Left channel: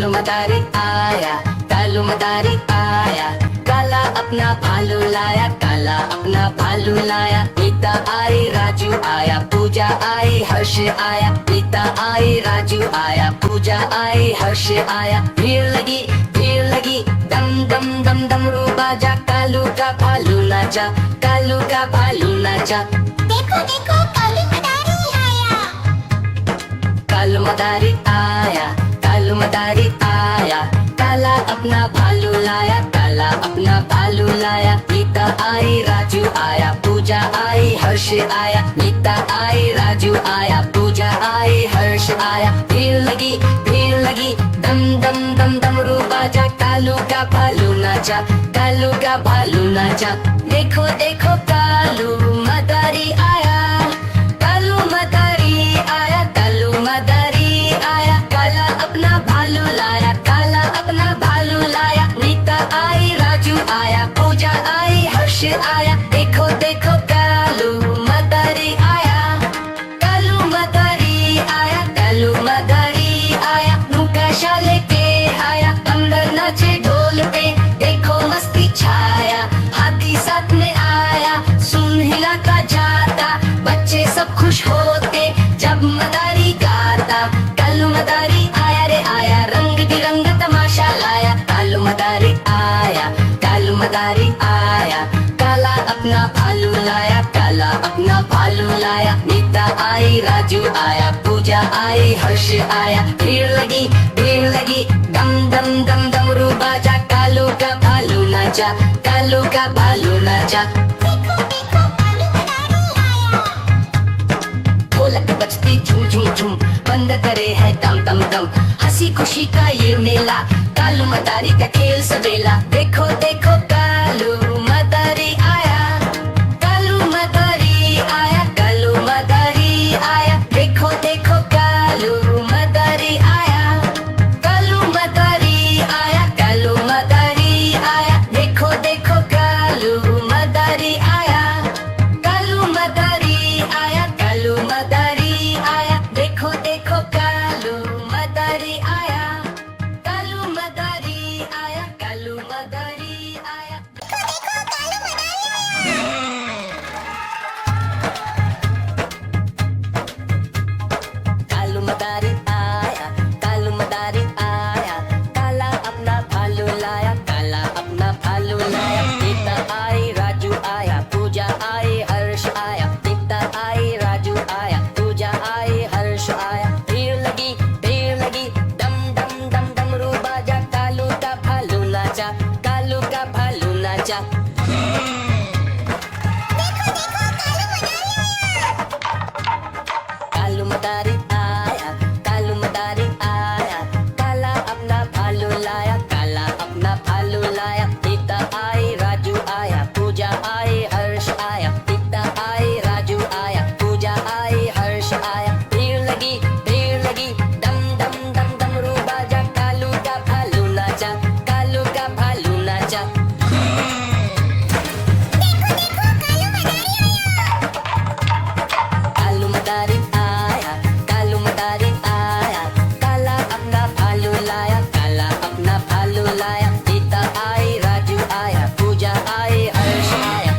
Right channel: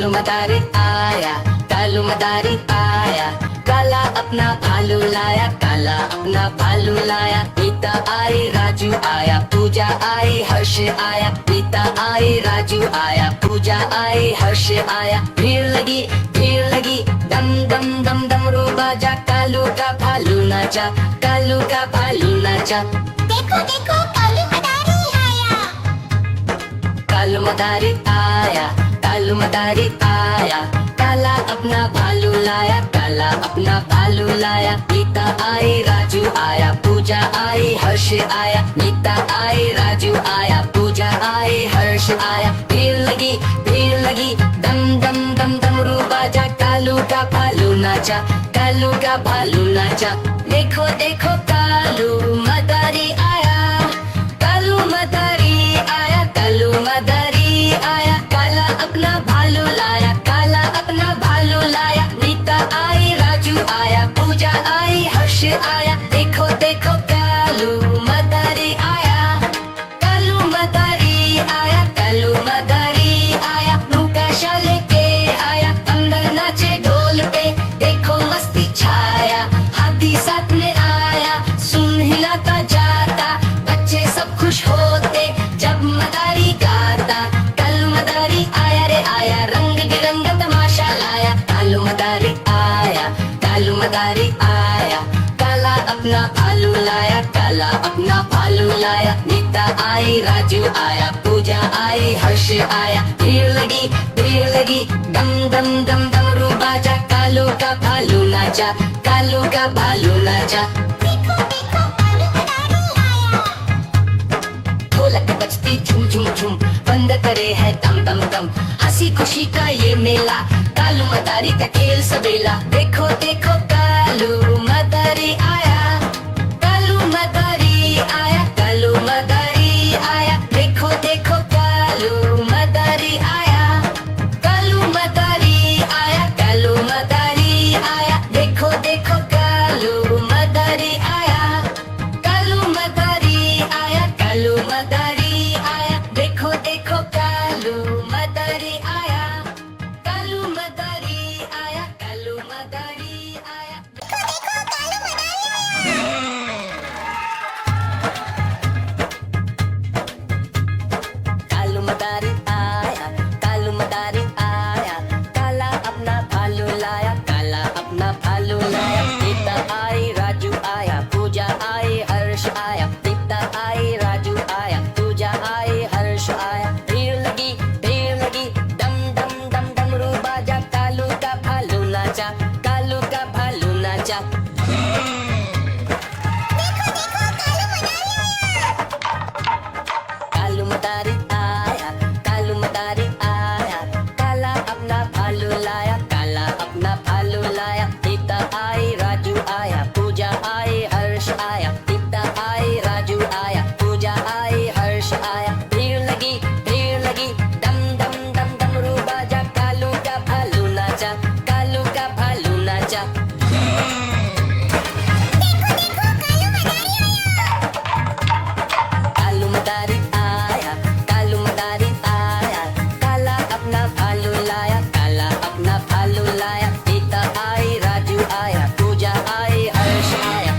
कालू मदारी आया, कालू मदारी आया, काला अपना भालू लाया, काला अपना भालू लाया। नीता आई, राजू आया, पूजा आई, हर्ष आया। नीता आई, राजू आया, पूजा आई, हर्ष आया। भीड़ लगी, दम दम दम डमरू बाजा, कालू का भालू नाचा, कालू का भालू नाचा। देखो देखो कालू मदारी आया। कालू मदारी आया, कालू मदारी आया, काला अपना भालू लाया, काला अपना भालू लाया। नीता आई, राजू आया, पूजा आई, हर्ष आया। नीता आई, राजू आया, पूजा आई, हर्ष आया। भीड़ लगी, दम दम दम डमरू बाजा, कालू का भालू नाचा, कालू का भालू नाचा। देखो देखो कालू मदारी आया, कालू मदारी आया, कालू मदारी आया। काला अपना भालू लाया, काला अपना भालू लाया। नीता आई, राजू आया, पूजा आई, हर्ष आया। देखो देखो कालू मदारी आया, कालू मदारी आया, कालू मदारी आया। मुकाशा लेके आया, अंदर नाचे ढोल पे, देखो मस्ती छाया। हाथी साथ में आया, सुन हिलाता जाता, बच्चे सब खुश होते जब मदारी गाता। कालू मदारी आया रे आया, रंग बिरंग तमाशा लाया। कालू मदारी आया, कालू मदारी आया, काला अपना भालू लाया, काला अपना भालू लाया। नीता आई, राजू आया, पूजा आई, हर्ष आया। भीड़ लगी, दम दम दम डमरू बाजा, कालू का भालू नाचा, कालू का भालू नाचा। देखो देखो कालू मदारी आया। ढोलक बजती झूम झूम झूम, बंद करे है दम दम दम। हंसी खुशी का ये मेला, कालू मदारी का खेल सबेला। देखो देखो कालू मदारी आया, कालू मदारी आया, कालू मदारी आया। देखो देखो कालू मदारी आया, कालू मदारी आया, कालू मदारी आया। देखो देखो कालू मदारी आया, कालू मदारी आया, कालू मदारी आया। देखो देखो कालू मदारी आया, कालू मदारी आया, कालू मदारी आया। देखो देखो कालू मदारी आया। कालू मदारी आया, कालू मदारी आया, काला अपना भालू लाया, काला अपना भालू लाया। नीता आई, राजू आया, पूजा आई, हर्ष आया। नीता आई, राजू आया, पूजा आई, हर्ष आया। भीड़ लगी, दम दम दम डमरू बाजा, कालू का भालू नाचा, कालू का भालू नाचा। देखो देखो कालू मदारी आया। कालू मदारी आया, कालू मदारी आया, काला अपना भालू लाया, काला अपना भालू लाया। नीता आई, राजू आया, पूजा आई, हर्ष आया। नीता आई, राजू आया, पूजा आई, हर्ष आया। भीड़ लगी, दम दम दम डमरू बाजा, कालू का भालू नाचा, कालू का भालू नाचा। देखो देखो कालू मदारी आया। कालू मदारी आया, कालू मदारी आया, काला अपना भालू लाया, काला अपना भालू लाया। नीता आई, राजू आया, पूजा आई, हर्ष आया।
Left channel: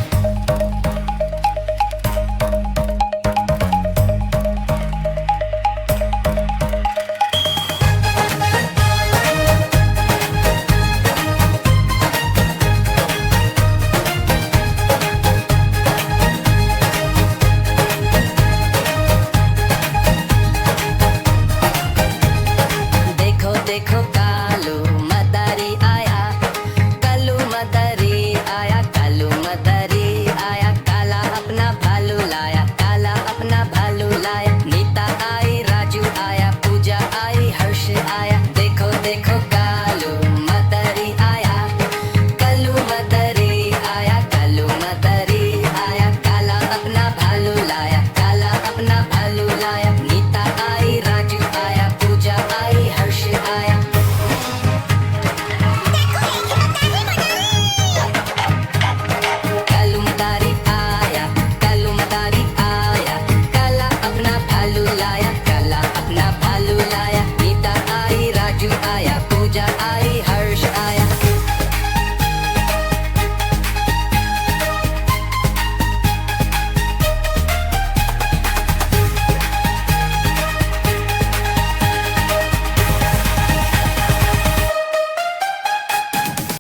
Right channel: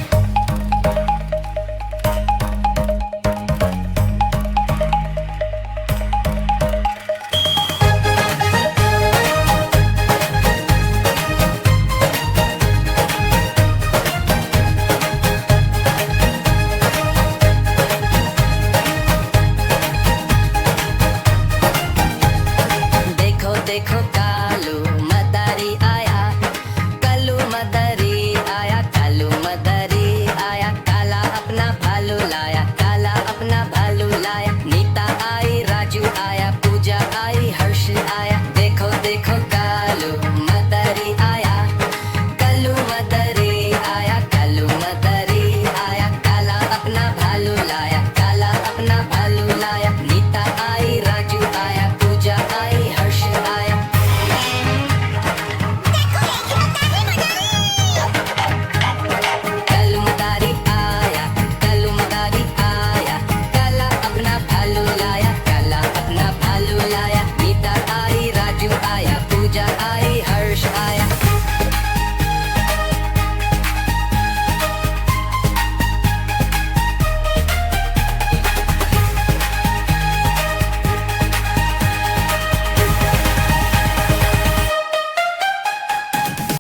देखो देखो कालू मदारी आया, कालू मदारी आया, कालू मदारी आया, काला अपना भालू लाया, काला अपना भालू लाया। नीता आई, राजू आया, पूजा आई, हर्ष आया। देखो देखो कालू मदारी आया, कालू मदारी आया, कालू मदारी आया, काला अपना भालू लाया, काला अपना भालू लाया। नीता आई, राजू आया, पूजा आई, हर्ष आया। देखो देखो कालू मदारी। कालू मदारी आया, कालू मदारी आया, काला अपना भालू लाया, काला अपना भालू लाया। नीता आई, राजू आया, पूजा आई, हर्ष आया।